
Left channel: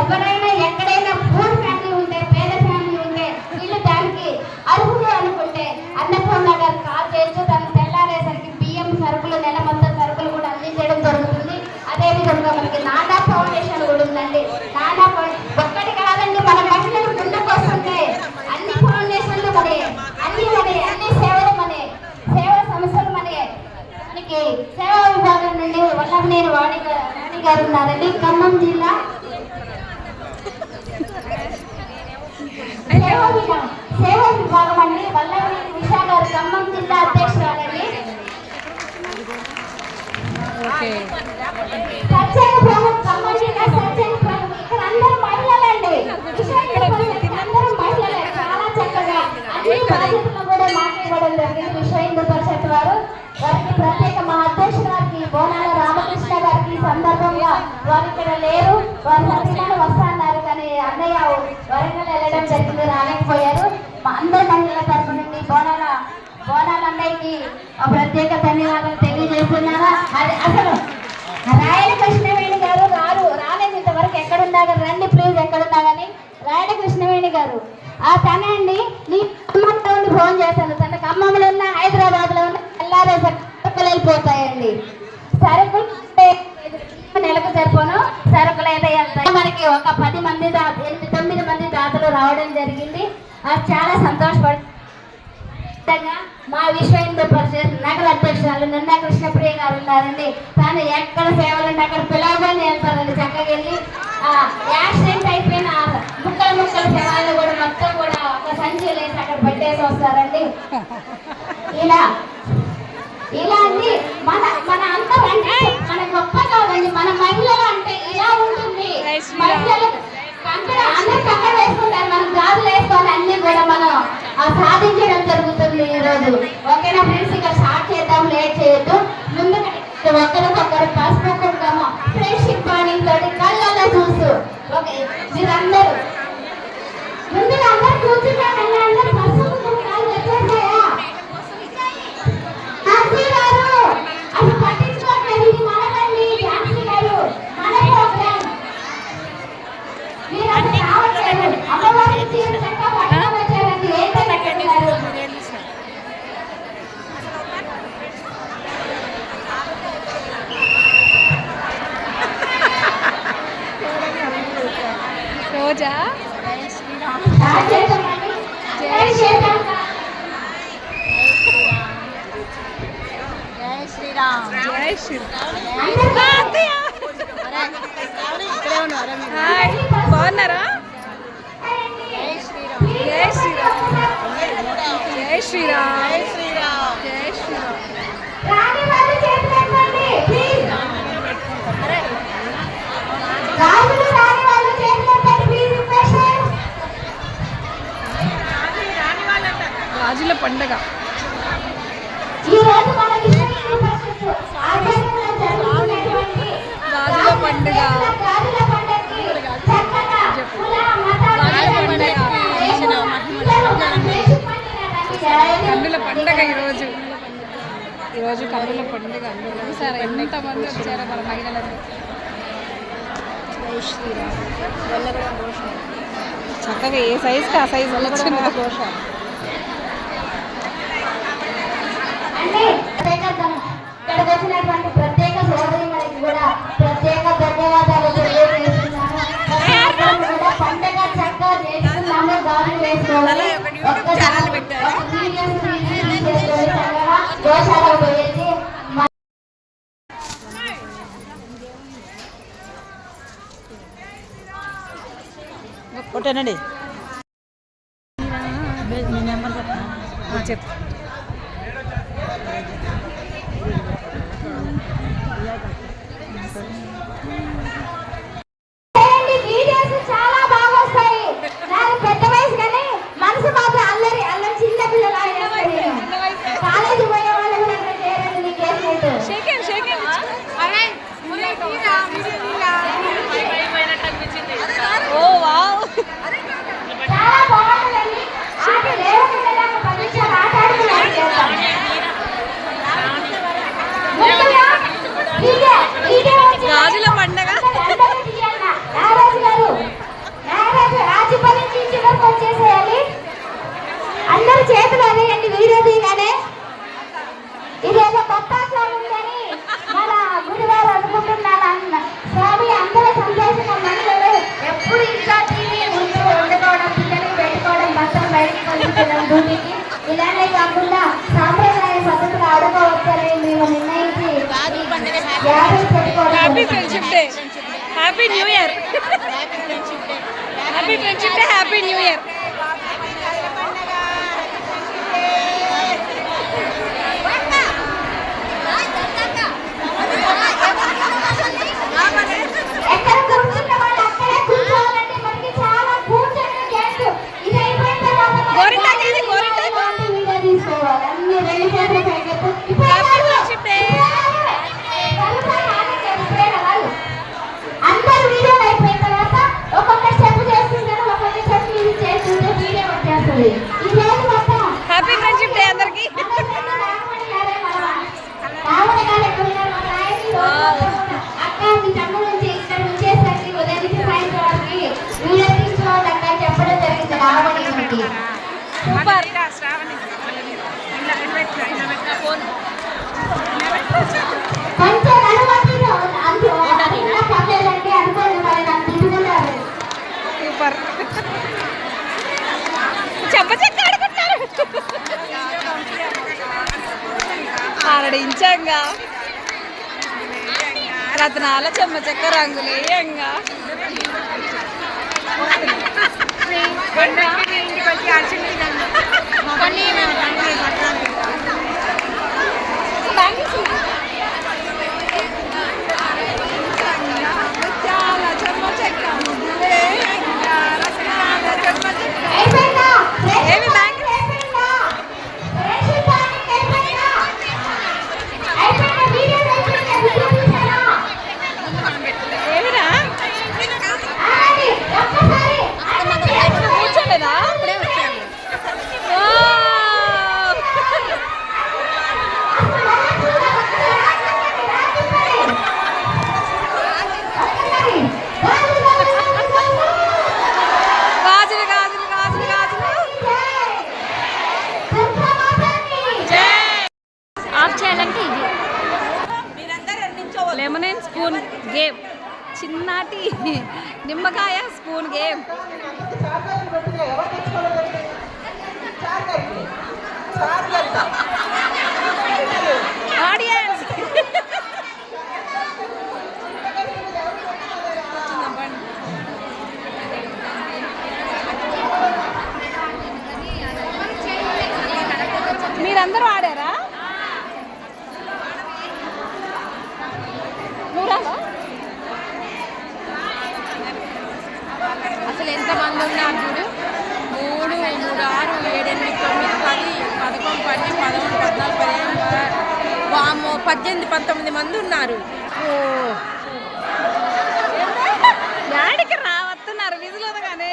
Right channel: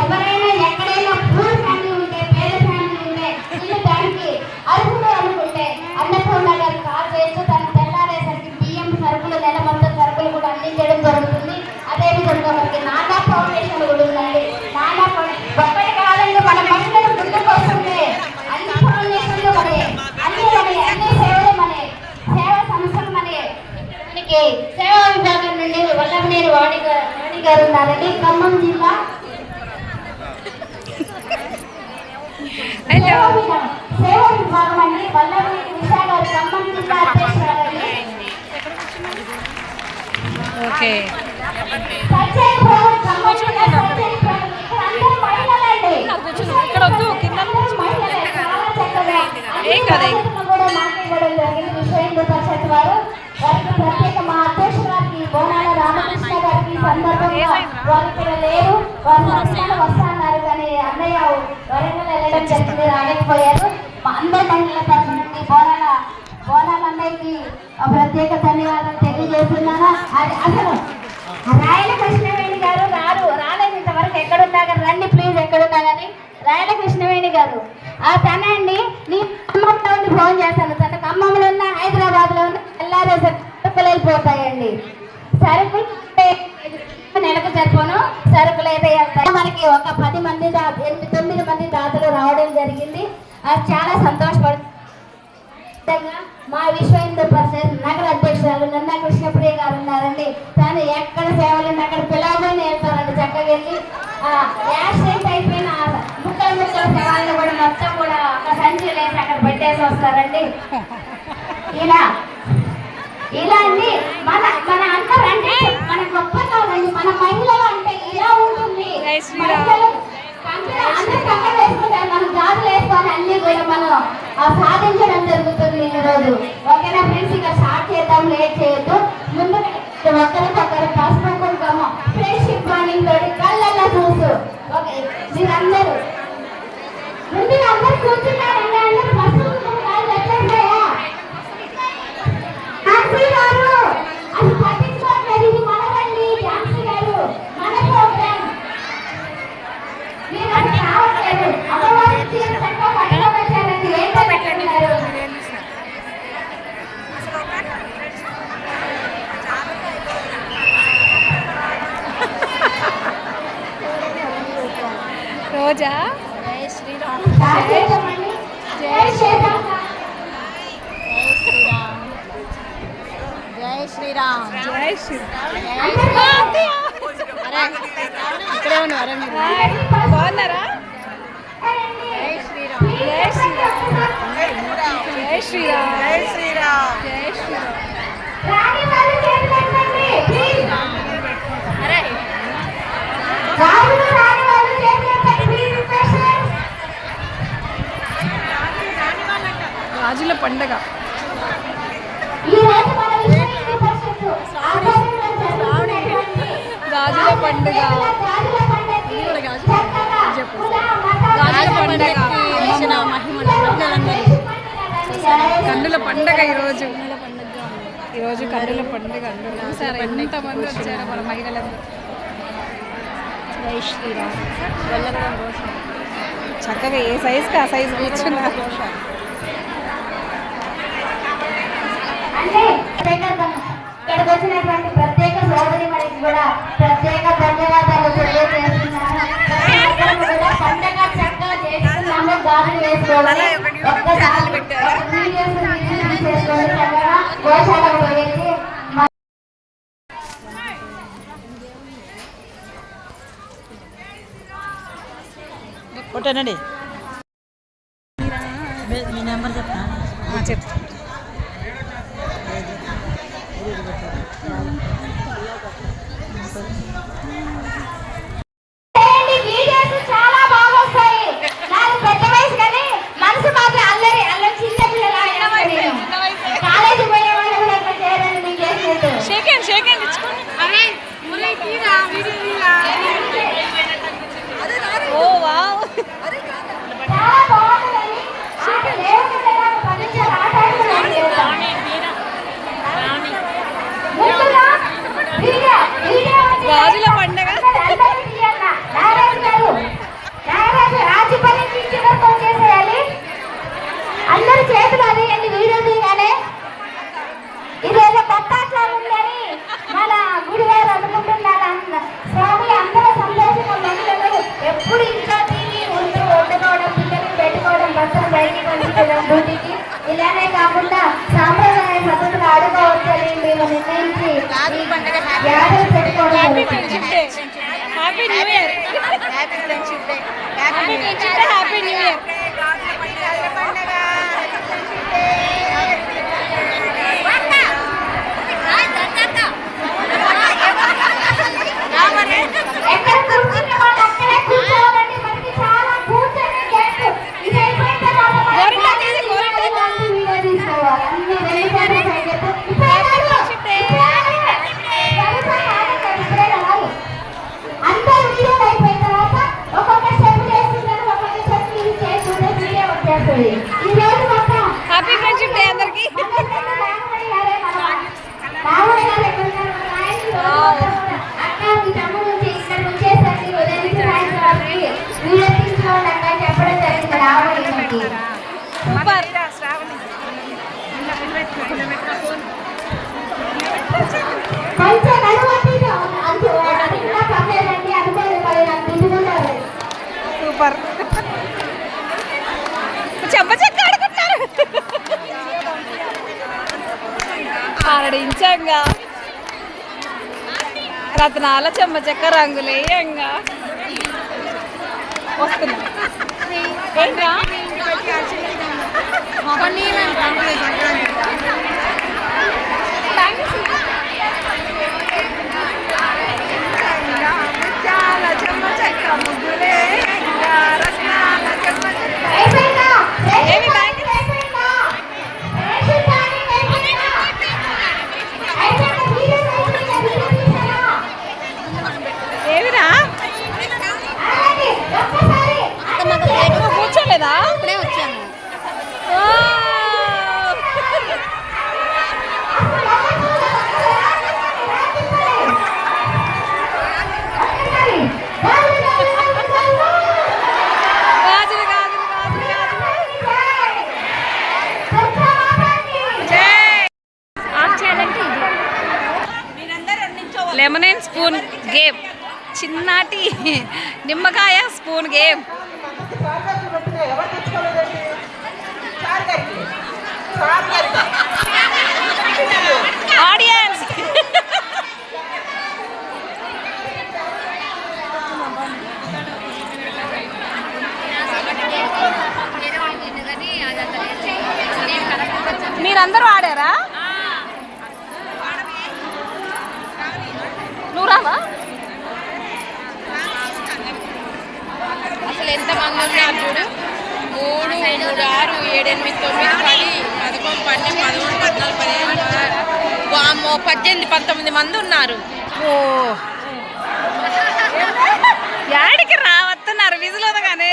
ఎవరైనా ఎక్కడైనా పూర్ ఫ్యామిలీ ఉంటే, పేద ఫ్యామిలీ ఉంటే, వీళ్ళు దానికి అర్హులు అనుకుంటే అన్నపూర్ణ గారు కాల్ చేస్తూ తను తెల్లారేసరికి బియ్యం సరుకులు, నెల మొత్తం సరుకులు కూడా అందించడం జరుగుతుంది. అదేవిధంగా మనకి నానా ఫౌండేషన్ కూడా ఉందండి. నానా ఒక్కటి కాదండి, మన మహిళలు ముందుకు వస్తుంది. అన్ని ఫౌండేషన్లు మనే, అన్ని సేవలు మనే, సేవా సంస్థలు మనే. మనకి సేవా విభాగం నుండి వల్లభనేని వాణి గారు ఉన్నారండి, ఖమ్మం జిల్లా. సేవా విభాగం అండి, వల్లభనేని ఉషా గారు, ఖమ్మం జిల్లా అధ్యక్షురాలండి. ఓకే ఇక్కడ వద్దు, కింద ఏం కదా వారికి ప్రత్యేక మా అధ్యక్షుడు గారికి, బోనాల రామకృష్ణ గారికి సందర్భంగా వారు ఇక్కడ లేరు, వారు వస్తున్నారు కానీ అన్నయ్య వరంగల్ వెళ్ళడం జరిగింది, రాలేకపోయారు. మా అందరి మహిళల తరఫు నుండి బోనాల అన్నయ్యకి ప్రత్యేక ధన్యవాదాలు తెలియజేస్తున్నాను. అది అసలు రాయల కృష్ణవేణి గారు రాలేదు ఇంతవరకు, ఎక్కడున్నారు రండి ప్లీజ్, ఎక్కడున్నారని. రాయల కృష్ణవేణి గారు తనండి, నీ ఖమ్మంలో ఉండి ఫోన్ చేస్తాను, తన ఖమ్మంలో ఉన్న, హైదరాబాద్ లో ఉన్న, ఎల్లారే సరుకులు వెళ్ళిపోతాయండి. సరుకు నెలకు సరిపోను సరుకులు అయితే వెళ్తాయి. మనకి ఒక 10 మంది 9 మంది దాతలు రావడం జరిగింది. చాలా సంతోషపడు. మా విశ్వ హిందూ పరిషత్ నగర అధ్యక్షురాలు నిన్న కృష్ణప్రియ గారు ఉన్నారండి. తాను ఎక్కడ సేవలు ఉంటే అక్కడ పిలవగానే వెళ్తారండి, చక్కగా వెళ్ళి యాక్సిడెంట్ అయిపోయిన ముక్కల సేవలను కూడా మొత్తం కూడా ఒక సంచి లేసి అక్కడ పెట్టేసి వస్తారండి. ఇలా అండి మన అందరూ అంటే మన గొప్పగా ఉంది, మన మహిళలు అంటే ఇలా ఉంటుంది. అందరూ కక్క వేసుకుంటారు, మనం గాజులు వేసుకొని అన్ని కూడా మనం సాధించడం జరుగుతుంది ఈరోజు. ఓకేనా ఫ్రెండ్స్, ఇక స్టార్ట్ చేద్దాం, లేట్ చేయొద్దు. ముందు ఒకరికొకరు పసుపు కుంకుమ ఫ్రెండ్షిప్ బాండింగ్ తోటి కళ్ళల్లో చూసు. ఓకే మీరందరూ ముందుగా అందరూ కూర్చున్నారండి, అందరూ పసుపు కుంకుమ వచ్చేసాయా? అసలు పట్టించుకోవట్లేదు, ఇది మనకండి ఝాన్సీ గారు, మన ప్రోగ్రామ్. మీరు అసలు రావట్లేదు, అమ్మవారి చీర పట్టుకోవట్లేదండి, ఏంటో పెట్టండి. రోజా జై శ్రీరామ్. జై హాయ్, బాగున్నారా? జై శ్రీరామ్, జై శ్రీరామ్, జై శ్రీరామ్, జై శ్రీరామ్. రాణి వాళ్ళు చేతులెత్తండి ప్లీజ్. రాణి వాళ్ళు చేతులెత్తండి ప్లీజ్. రిక్వెస్ట్. గాజుల పండగ ఈ రోజు మన విశ్వ పరిషత్ ఆధ్వర్యంలో జరుగుతున్నటువంటి గాజుల పండుగ, గాజుల పండుగకి చక్కగా గాజుల పండగ, కన్నుల పండగ ఈరోజు కన్నుల పండుగ. అందరూ సరే ఎంతమంది వచ్చారో మన మహిళలందరూ. చక్కగా ఏ సైజుకి ఆ సైజు కూర్చున్నారు. అంటే ఇక్కడికి వచ్చినటువంటి ప్రత్యేక సోదరిమణికి కూడా ప్రత్యేక ధన్యవాదాలు తెలియజేస్తున్నాను. కూడా పండగ చక్కగా చేస్తున్నాము, గాజులు వేసుకోవాలి, ఒక్కసారి వీడియోస్ చేసుకొని చక్కగా గోశాల పోయేసి కొట్టానండి చెప్పు. వీడియోస్ చాలా బాగా వస్తాయి. నాకు పెద్ద వయసు కానీ మనసు మాత్రం అల్లరి అల్లరి చిన్న పిల్లలు కాలేజీ పోయే వాళ్ళు కూడా ఇట్లా చేయాలని మీకు చేసినట్టు. ఓ వావ్, చాలా బాగుంటుంది. ఆట లేవకుండా నాకు 10 నిమిషాలు ఆట ఆడుతున్నాను. గాజుల పండగ. అందరూ చేతులు అనేయండి వీడియో తీయగానే. ఇదేదో పట్టాచారం ఉందని మన గుడిగారు అనుకుంటున్నారు. స్వామి అందరూ సంతోషంగా మనుషులు ఎప్పుడు ఇంట్లో తిని ఉంటూ వండుకోవడం, పిల్లలు పెట్టుకోవడం, బట్టలు బయటకు పంపించడం డ్యూటీకి. ఇలానే కాకుండా సాంప్రదాయ పద్ధతులు ఆడుకోవచ్చని మేము నిర్ణయించి happy friendship day, happy new year, happy friendship day, happy new year. ఎక్కడ కూర్చున్న వాళ్ళు అక్కడే కూర్చోవాలండి. మనకి చాలా కూర్చొని గెస్ట్ ఇది అయిపోయిన తర్వాత గోరింటాకు ఇది, గోరింటాకు. వీడియో తీసుకోవాలి. అన్ని రెడీ చేసి పెట్టు. Happy friendship day. అందరూ వీడియో అయిపోయిన తర్వాత ఒక్కొక్క స్టెప్ చేస్తున్నారు, ఒక్కొక్క స్టెప్ ఇది చేస్తుంటే వీడియో వచ్చేస్తుంది. ఈ రోజు మొత్తం హ్యాపీ ఫ్రెండ్షిప్ డే అందరికి. అక్క మీ తమ్ముడు నుంచి ఇక్కడ వచ్చేసరికి ఉదయం నుంచి సాయంత్రం వరకు వీడియో తీసుకోవాలి అక్క చెప్పడం జరిగింది రావడానికి. సూపర్. కొంచెం అనుమతి అంటూ ఇంకా పర్లేదండి అనుకోలేదు మరి నాకు తింటున్నారు. సూపర్. చెంప చెక్క ఆడుకుంటారు. ఆరడించంగా రత్నాల చెమ్మ చెక్క రంగులేయంగా వస్తున్నా. చాలా చెమ్మ చెక్క ముగ్గులే రత్నాల చెమ్మ చెక్క. అయిపోయిందా? ఏమి బ్యాంగిల్స్? అయిపోయిందా? అయిపోయిందా? వీడియో అయిపోయిందా? వీడియో తీసారా? ఏమిరా ఆగండి, ఒక్కసారి నువ్వు కూర్చోలేదా? వావ్. గాజులు గాజులు గాజులు గాజులు. లెమన్ స్పూన్ గేమ్, చిన్నాటి నిమ్మకాయ స్పూన్ గేమ్. ఆడియన్స్ మీరందరూ ఆడారా? నువ్వు రావా? అసలు ఎంతమంది ఉన్నారు చూడు. 3, 3, 6, 7, 8, 9, 10, 11, 12, 13, 14, 15, వామ్మో 18, 19 మంది ఉన్నారు. ఓ యాడికి రావస్తున్నారు విజులోదగానే.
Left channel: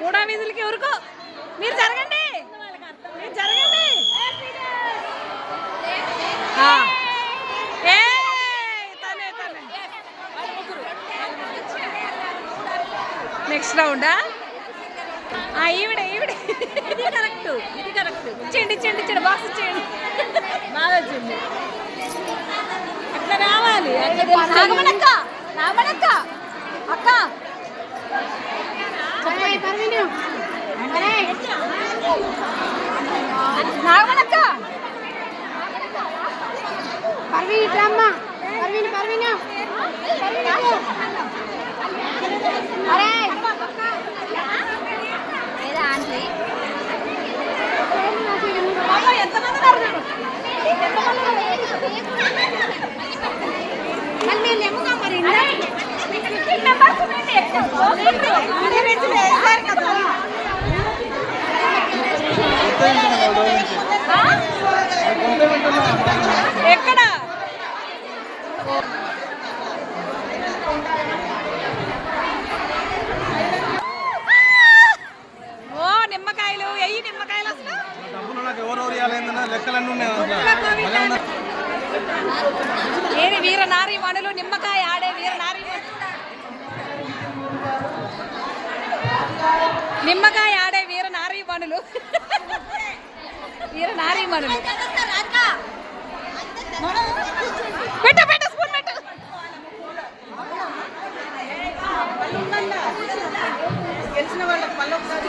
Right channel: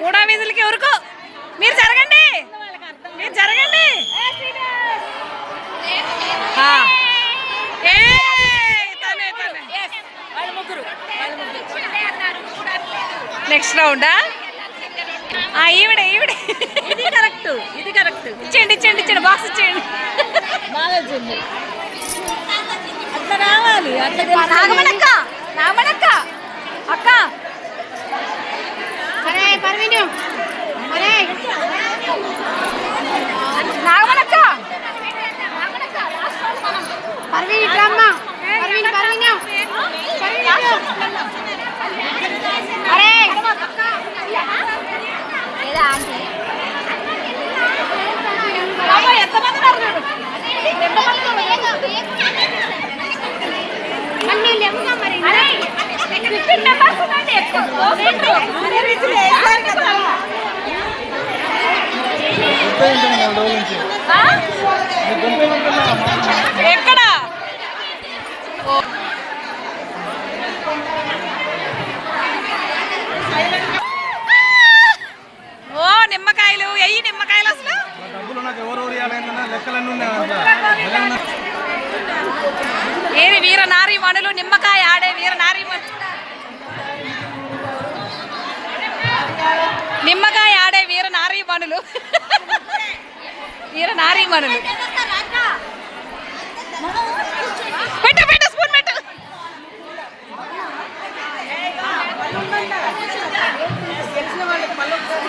మూడో విజులకి ఎవరుకో మీరు జరగండి, మీరు జరగండి. నెక్స్ట్ రౌండా? ఈవిడే ఇది కరెక్ట్ ఇచ్చేయండి బాక్స్ ఇచ్చేయండి. బాగా వచ్చింది. రావాలి రామణక్క అక్క నాగమణక్క ఎక్కడ ఓ నిమ్మకాయలు ఎయ్యి నిమ్మకాయలు అసలు ఏది వీర నారీ మనులు నిమ్మకాయ ఆడే వీర నారీ నిమ్మకాయ ఆడే వీర నారీ మనులు వీర నారీ మనులు పెట్ట స్పూన్ పెట్టు.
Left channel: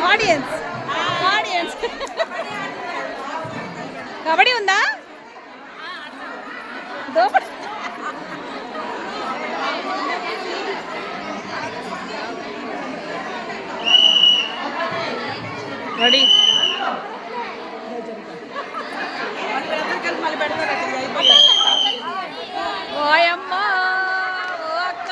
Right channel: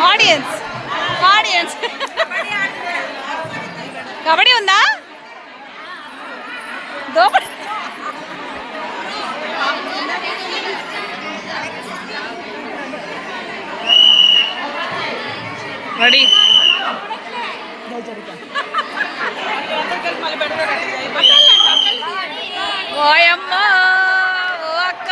ఆడియన్స్ కబడ్డీ ఉందా దోపడి రెడీ ఓయమ్మ ఓ అక్క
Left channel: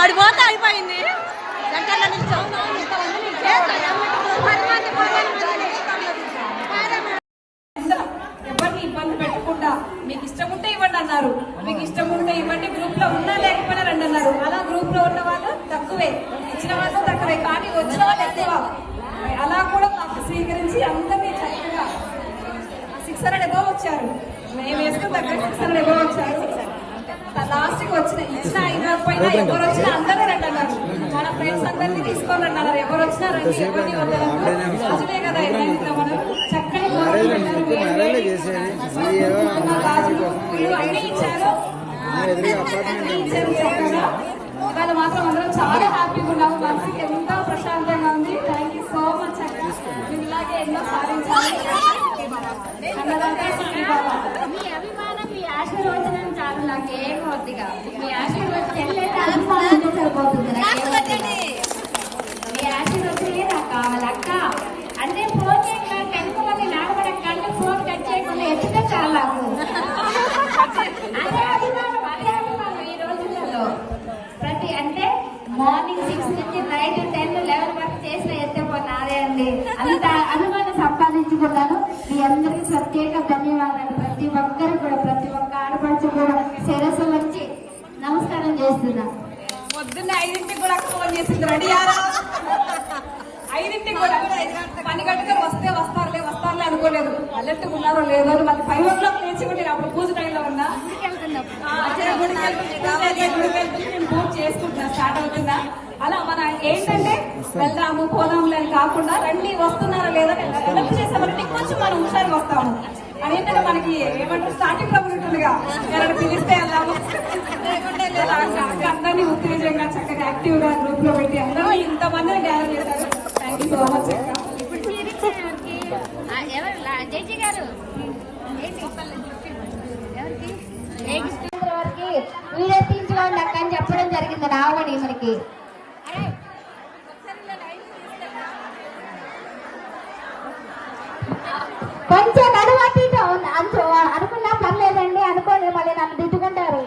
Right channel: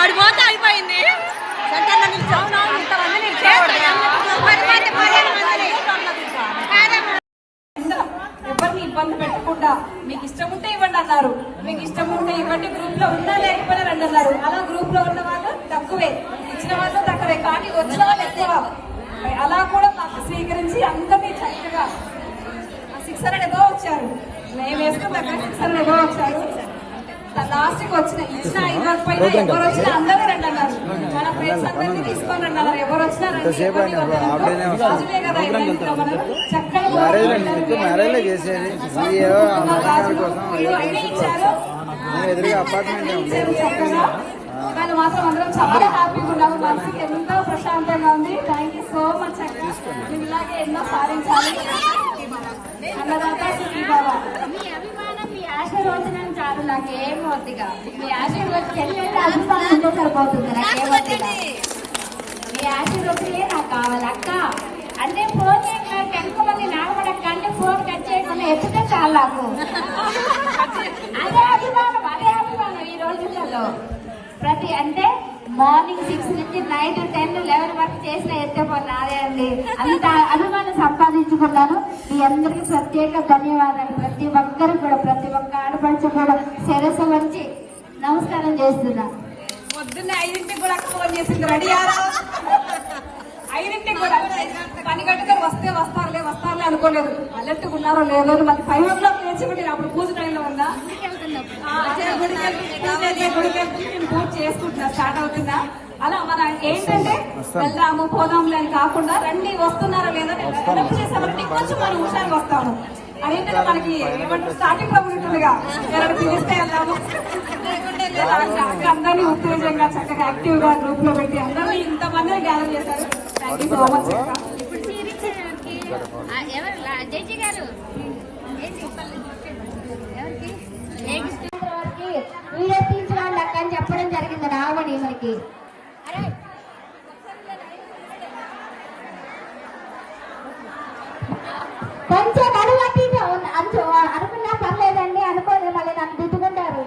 ఆడిపోతే అయిపోయింది. ఎవరిని ఇబ్బంది పెట్టకుండా మీకు ఇష్టం ఉంటే ఇవ్వండి అన్నారు. మీకు ఇష్టం ఉంటే ఇవ్వండి, గ్రూప్ లో ఉన్నా లేకపోయినా రండి అన్నారు. అలా గ్రూప్ లో ఉన్న వాళ్ళు తక్కువే, ఇచ్చిన వాళ్ళు తక్కువే, కానీ వచ్చిన వాళ్ళు ఎక్కువ. అలా కూడా మాకు స్వీకరించి అందరినీ చక్కగా 600 ఎబో వచ్చారు. మేము వేసుకున్న దగ్గర 600 ఎబో వచ్చారు. లాస్ట్ కి వచ్చిన ఇచ్చిన 500 పైన ఎవరు వచ్చినా అందరూ రండి అన్నారు. మన ఫ్రెండ్స్ అందరినీ తీసుకొని రండి అన్నారు. ఎవరు వచ్చినా రండి, రాజులే కదా ఇద్దరు మనం చక్కని అన్నీ ఇచ్చారు. ఇవాళ మాత్రం అందరం చాలా హ్యాపీగా ఉన్నాము. మనసుకి ఎంతో ప్రశాంతంగా ఉంది. థ్యాంక్ యూ సో మచ్ అక్క. మీరు ఇలాగే ఎన్నో సాధించాలి. మీ అభిమానం, మీ ఆశీర్వచనం చాలు, నాకు ఏం వద్దిగా. మీ ఆశీర్వచనం అభిమానంతో సరిపోతుంది. మీ ఆశీర్వచనే నాకు కావాలి అక్క. అంటే ఫోన్ చేయడానికి అనుకోవాలి నాగబడక్క అంటే ఫోన్ కట్ చేయకుండా ఎత్తుతే చాలు నాకు. అదే అభిమానం ఈ రోజులలో. ప్రతి అంటే మార్నింగ్ 6 నుంచి నైట్ 10, 11 వరకు చేసిన ఎత్తిపోతే అదే అండి. అంత అభిమానం సంపాదించుకున్నాను. మీ అందరికీ ప్రత్యేక ధన్యవాదాలు. ప్రతి ఒక్కరికి కూడా, ప్రతి ఒక్క ఆడపడుచు కూడా శిరస్సు వచ్చి నమస్కారం చేస్తున్నా. పొద్దున్నే 5ంటికి కూడా ఫోన్ చేసింది, రెడీ అయ్యారా? 5ంటికి కూడా పని కట్టుకొని వస్తారులే అనుకోలేదు. అలర్ట్గా ఉన్నారో లేదో. మరి 5 o'clock లేచిపెట్టిన అప్పుడు పూజ టైంలో ఉన్నా. గుడికి నేను పూజ చేసుకుంటున్నా, స్టార్ట్ అవుతుందా. అలా మన ఏంటంటే వెళ్దాము పోదాంలే అని కాకుండా రండి, వస్తున్నారా లేదా హెల్ప్ చేసామంటే కొంచెం మనం హుషారుగా వస్తాము. అదేంటంటే మనకి ఏమంటారు స్టార్టింగ్ లో ఉంటుందిగా, ఎవరైనా పిలిస్తే వెళ్దాము. అందరినీ ఉత్తేజంగా చక్కగా యాక్టివ్ గా గ్రూప్ లో పెట్టి అందరూ ఇంతమందిని గ్యాదర్ చేశారు. థ్యాంక్ యూ సో మచ్ అక్క. జడ్జి గారు వీడియో తీసుకోండి అక్క అని చెప్పడం జరిగింది రావణి మనకి. కొంచెం నడువు అటు ఇటు అనుకున్నా పర్లేదండి, అనుకోలేదు మళ్ళీ నన్ను తిట్టుకుంటారు.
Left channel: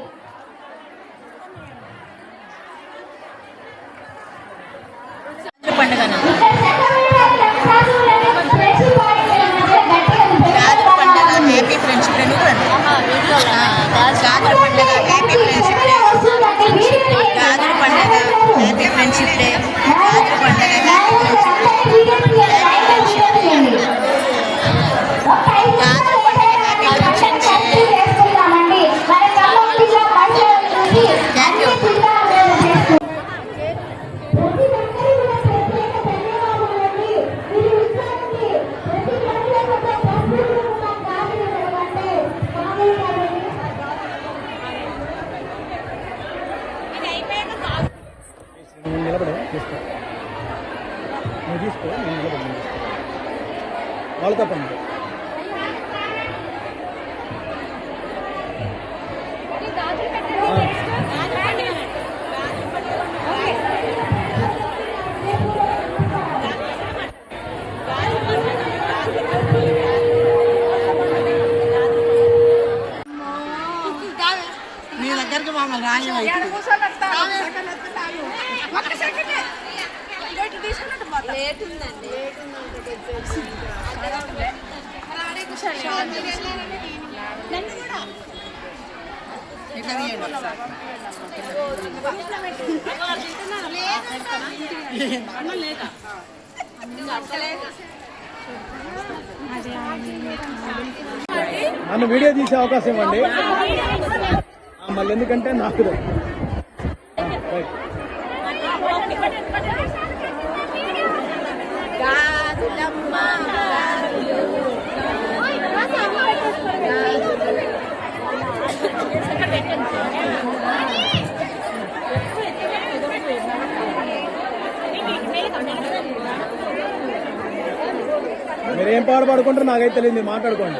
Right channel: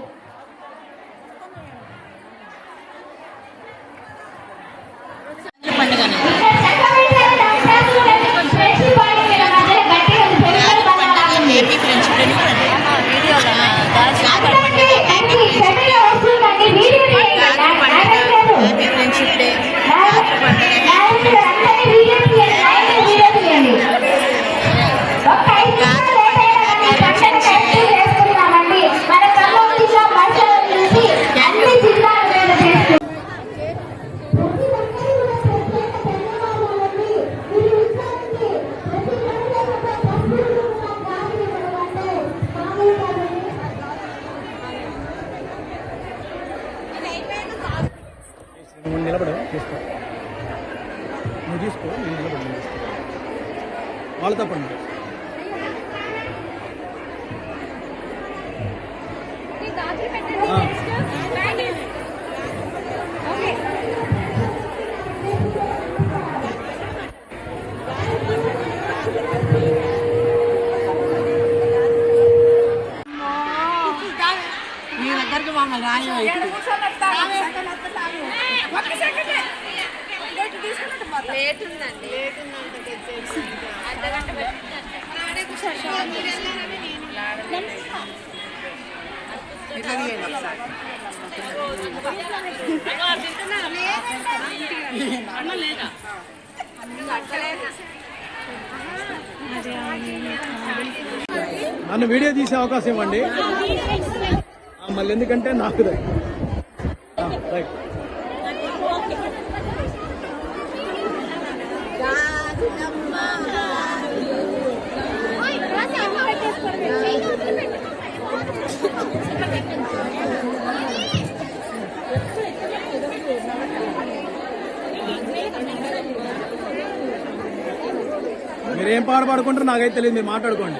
వాళ్ళతో పండి. మీ దగ్గరికి మమ్మల్ని రాయం అయితే నన్ను వీడియో తీసే అవకాశం ఇవ్వండి. మళ్ళీ ఎందుకంటే నాకు రైట్. మీరేం పాట పాడుకుంటారో నాకైతే తెలియదు, మీరు మాట్లాడుకోండి.